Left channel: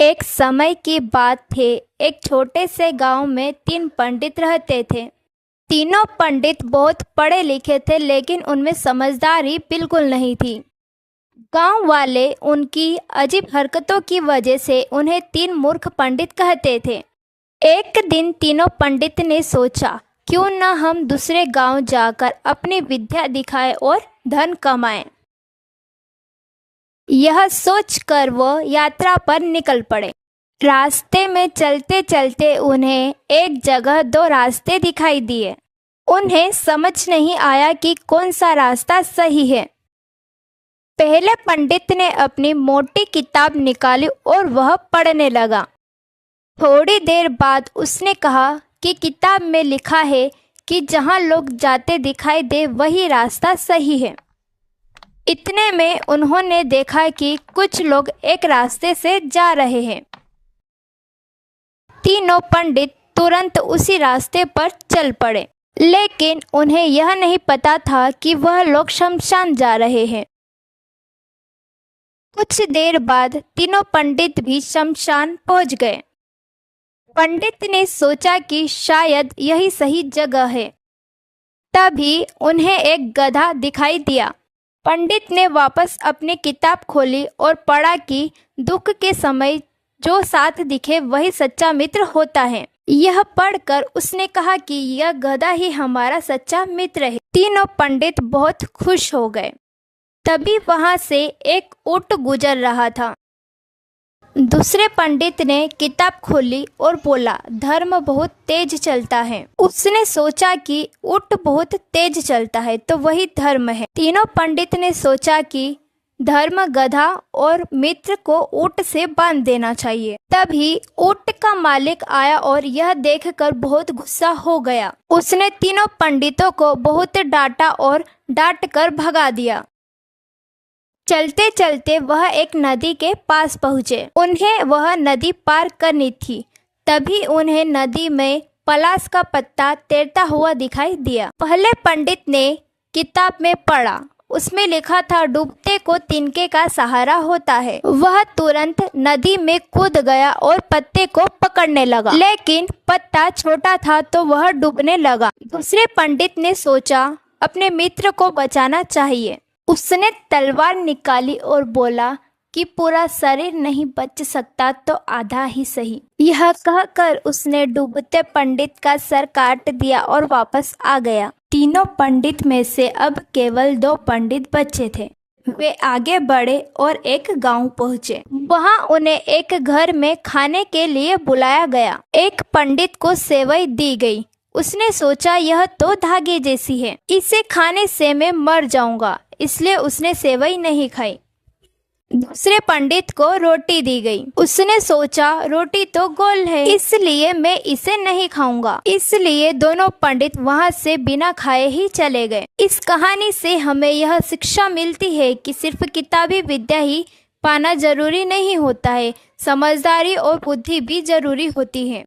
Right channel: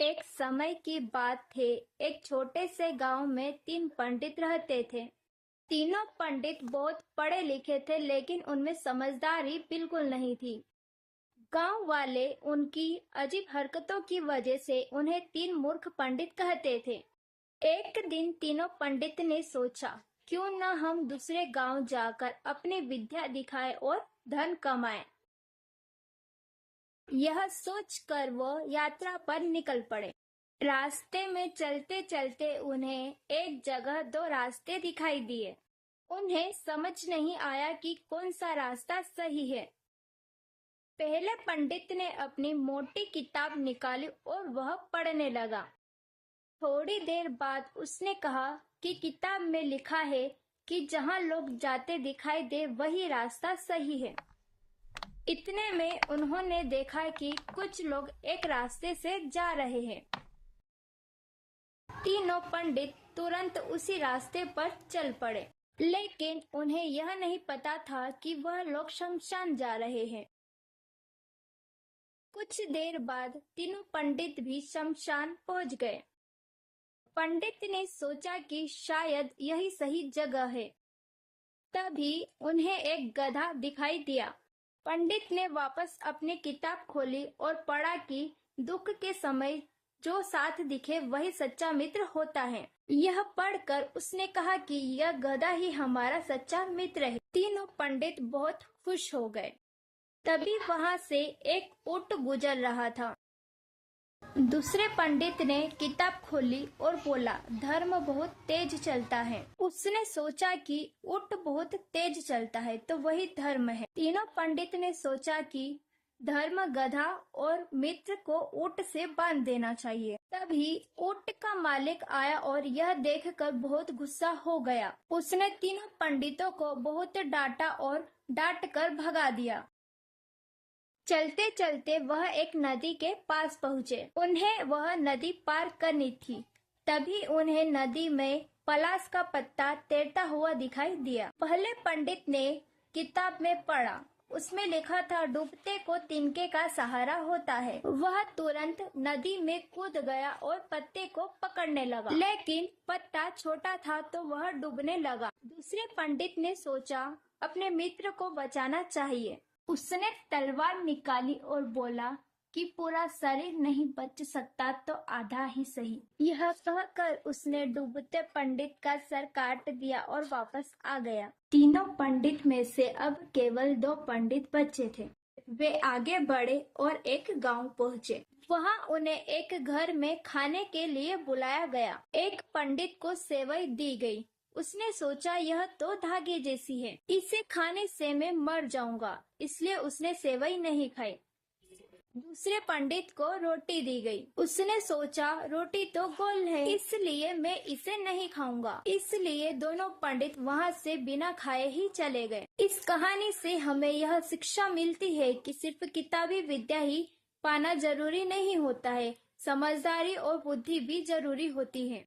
एक समय की बात थी। एक छोटे से गांव में तीन पंडित रहते थे। तीनों पंडित बहुत पढ़े लिखे थे, लेकिन उनमें समझदारी बिल्कुल नहीं थी। गांव वाले उनकी अजीब हरकतों की वजह से उन्हें तीन मूर्ख पंडित कहते थे। एक दिन तीनों पंडित ने सोचा, क्यों न हम दूसरे गांव जाकर अपनी विद्या दिखाएं और धन कमाएं। यह सोचकर वो यात्रा पर निकल पड़े। रास्ते में चलते चलते उन्हें एक जगह दो रास्ते दिखाई दिए। उन्हें समझ नहीं आया कि कौन सा रास्ता सही है। पहले पंडित ने अपनी मोटी किताब निकाली और वह पढ़ने लगा। थोड़ी देर बाद उसने कहा कि किताब में लिखा है कि जहाँ लोग जाते दिखाई दे वही रास्ता सही है। इतने में उन्होंने देखा कि कुछ लोग एक रास्ते से जा रहे हैं। तीनों पंडित तुरंत उसी रास्ते पर चल पड़े, लेकिन उन्हें यह नहीं पता था कि वह लोग शमशान जा रहे हैं। कुछ देर बाद तीनों पंडित भी शमशान पहुंच गए। पंडित ने सोचा कि शायद यही सही जगह है। तभी उन्हें एक गधा दिखाई दिया। पंडित ने वापस अपनी किताब खोली और पढ़ा कि दुख के समय जो साथ दिखे वही सच्चा मित्र होता है। यह पढ़कर उसने कहा कि यह गधा ही हमारा सच्चा मित्र है। तीनों पंडित बहुत खुश हो गए। तभी वहां से एक ऊंट गुजर रहा था। दूसरे पंडित ने किताब खोली और बोला, धर्म बहुत तेज चलता है। उसने सोचा कि ऊंट बहुत तेज चलता है तो वही धर्म है। तीनों पंडित ने सोचा कि धर्म गधा और मित्र को ऊंट से बांध देना चाहिए। तभी ऊंट का मालिक आया और यह देखकर बहुत गुस्सा हो गया। उसने तीनों पंडितों को बहुत डांटा और डांट कर भगा दिया। चलते चलते वह एक नदी के पास पहुँचे। उन्हें वह नदी पार करनी थी। तभी उन्हें नदी में पलाश का पत्ता तैरता हुआ दिखाई दिया। पहले पंडित ने किताब में पढ़ा, उसमें लिखा था डूबते को तिनके का सहारा होता है। वह तुरंत नदी में कूद गया और पत्ते को पकड़ने लगा, लेकिन पत्ता छोटा था तो वह डूबने लगा। दूसरे पंडित ने सोचा, अपने मित्र को बचाना चाहिए। उसने तलवार निकाली और बोला कि पूरा शरीर नहीं बच सकता तो आधा ही सही। यह कहकर उसने डूबते पंडित का सर काट दिया और वापस आ गया। तीनों पंडित में से अब केवल दो पंडित बचे थे। वे आगे बढ़े और एक गांव पहुंचे। वहां उन्हें एक घर में खाने के लिए बुलाया गया। एक पंडित को सेवई दी गई। उसने सोचा, यह तो धागे जैसी है, इसे खाने से मैं मर जाऊंगा, इसलिए उसने सेवई नहीं खाई। दूसरे पंडित को रोटी दी गई। उसने सोचा, रोटी तो गोल है, इसलिए मैं इसे नहीं खाऊंगा। इसलिए दोनों पंडित वहां से बिना खाए ही चले गए। इस कहानी से हमें यह शिक्षा मिलती है कि सिर्फ किताबी विद्या ही पाना जरूरी नहीं होता है, समझदारी और बुद्धि भी जरूरी होती है।